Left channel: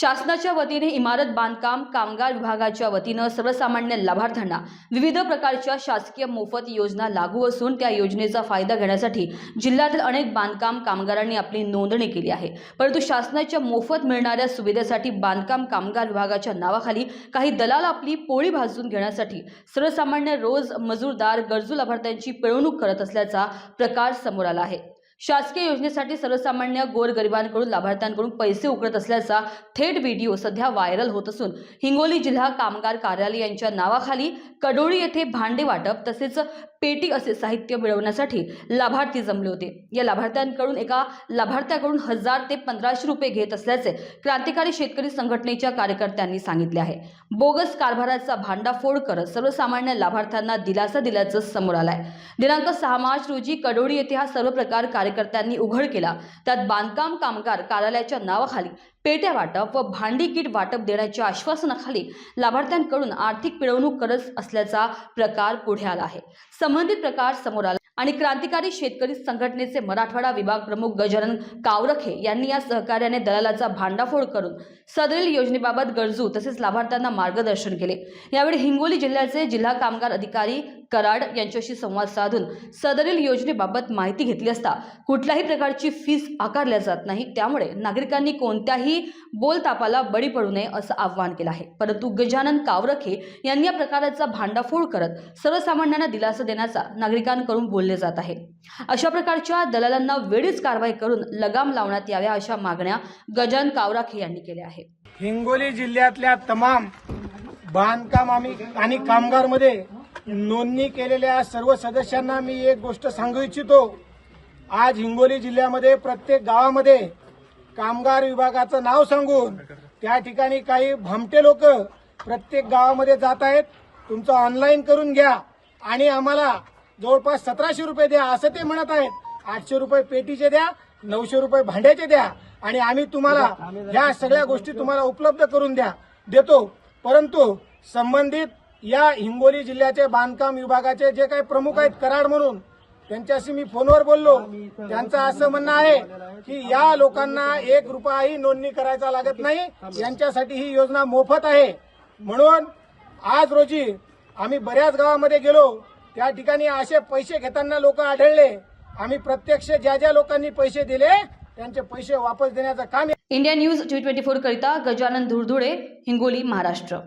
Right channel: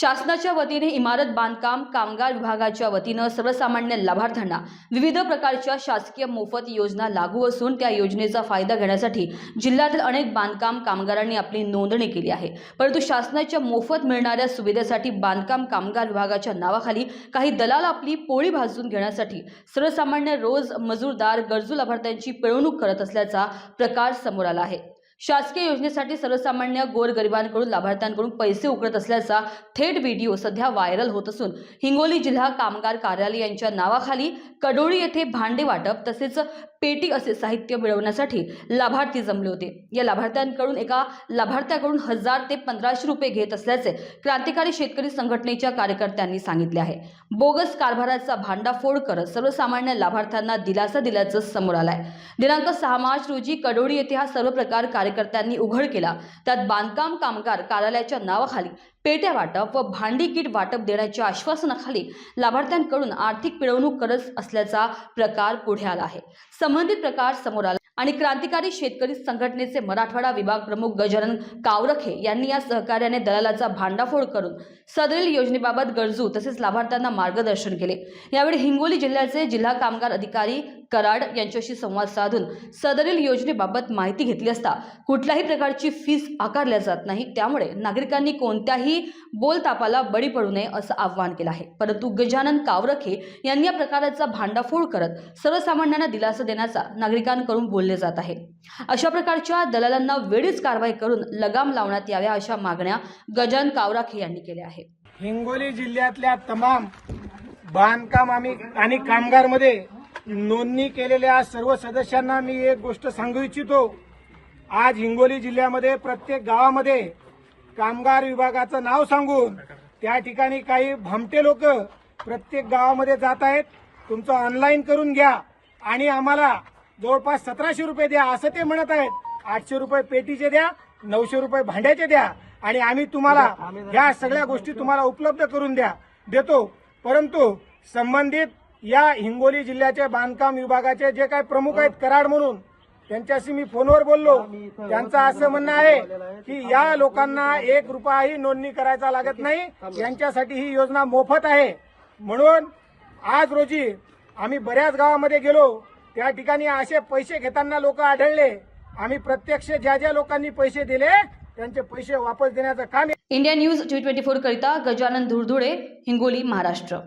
शासनाच्या वतीने इमारत बांधकाम कामगार विभागाच्या वतीनं सर्वसामान्य लाभार्थ्यांना विविध प्रकारच्या शासकीय मोफत योजना लागू असून त्या योजनेचा फायदा घेण्यासाठी जिल्ह्यातील अनेक बांधकाम कामगारांनी आपली नोंदणी केली आहे. परंतु शासनाच्या मोफत मिळणाऱ्या सुविधेसाठी बांधकाम कामगार विभागाच्या नावाखाली काही दलाल आपली पोळी भाजून घेण्यासाठी सर्वसामान्य रोज मजूरदार गरजू लाभार्थ्यांची पिळवणूक करत असल्याचा प्रकार समोर आला आहे. शासकीय योजनेसाठी सर्वसामान्य गोरगरिबांकडून लाभार्थ्यांकडून पैसे उकळत असल्याचा थेट व्हिडिओ सध्या व्हायरल होत असून हिंगोली जिल्हा कामगार कार्यालय यांच्या नावाखाली कडोळी येथे भांडे वाटप तसेच पेटी असे साहित्य मिळवण्यासाठी लाभार्थी जमले होते. या लाभार्थ्यांकडून एका लाभार्थ्याकडून हजार ते पंधराशे रुपये घेत असल्याचे क्रांतिकारी शेतकरी संघटनेच्या कार्यकर्त्यांनी सांगितले आहे. बोगस कारभाराचा भांडाफोड करत सर्वसामान्य लाभार्थ्यांना दिलासा दिल्याचं समोर आलंय. दिनांक सहा मार्च रोजी कडोळी येथे हा सर्व प्रकार कार्यकर्त्यांनी उघड केला. त्यात बांधकाम कामगार कार्यालयाच्या नावाखाली पेट्या वाटप व भांडी किट वाटप देण्याच्या आश्वासनाखाली लाभार्थ्यांकडून आर्थिक पिळवणूक करत असल्याचा प्रकार पुढे आला आहे. संबंधित प्रकार समोर आला. आणि क्रांतिकारी शेतकरी संघटनेचे मराठवाडा विभाग प्रमुख गजानन कावरखे यांनी या सहकार्याने दलालाचा भांडाफोड करून सदरील योजनेबाबत गरजू तसेच लाभार्थ्यांना मार्गदर्शन केले. यावेळी हिंगोली जिल्ह्याचे जिल्हा कामगार अधिकारी कराड यांच्याशी संवाद साधून सदरील योजनेबाबत माहिती घेतली असता कुठल्याही प्रकारची फीस आकारल्या जात नाही. त्यामुळे नागरिकांनी कोणत्याही बोलतापाला बळी पडू नये असं आवाहन केलं आहे. परंतु गजानन कावरखे यांनी या प्रकाराचा भांडाफोड करत सर्वसामान्यांना दिलासा देण्याचा नागरिकांकडून बोलले जात आहे. अशा प्रकारच्या दलालांना वेळीच कारवाई करून लगाम लावण्यात याव्या अशा मागण्या गजान कावराखे यांनी केल्या आहेत. हिंगोली जिल्ह्यातल्या तमाम बांधकाम आम्ही आणि कामगारमध्ये नोंदणी केलेल्या सर्व सदस्यांना मी एक गोष्ट सांगू इच्छितो. आज हिंगोली जिल्ह्यामध्ये प्रत्येक गावामध्ये कामगार विभागाचं नाव सांगून त्या ठिकाणी काही भमटे लोक प्रत्येक गावामध्ये जात आहेत. तुमचं ऑनलाईन करून घ्या आणि आम्हाला जवळपास सतराशे रुपये द्या असं ते म्हणत आहेत. आठशे रुपये पेटीचे द्या नऊशे रुपये भांड्याचे द्या आणि आम्ही तुम्हाला या सगळ्या गोष्टी तुम्हाला उपलब्ध करून द्या देतो. परंतु संबंधित या हिंगोली जिल्ह्याचे बांधकाम विभागाचे जे काही प्रमुख आहेत कराड म्हणून त्यांच्याशी मी फोनवर बोललो. त्यांचं असं म्हणणं आहे की या लोकांना एक रुपयाही नोंदणी करायचा लागत नाही. यांच्यासाठी ही योजना मोफत आहे. म्हणून आज रोजी आम्ही बऱ्याच गावामध्ये गेलो. त्या ठिकाणी असे पैसे घेताना लोक आढळले. आम्ही प्रत्यक्ष ज्या ज्या लोकांनी पैसे दिले त्यांचे पैसे वापस देण्याचं काम India News T twenty four करिता गजानन धुळधुळे हिंगोली महाराष्ट्र.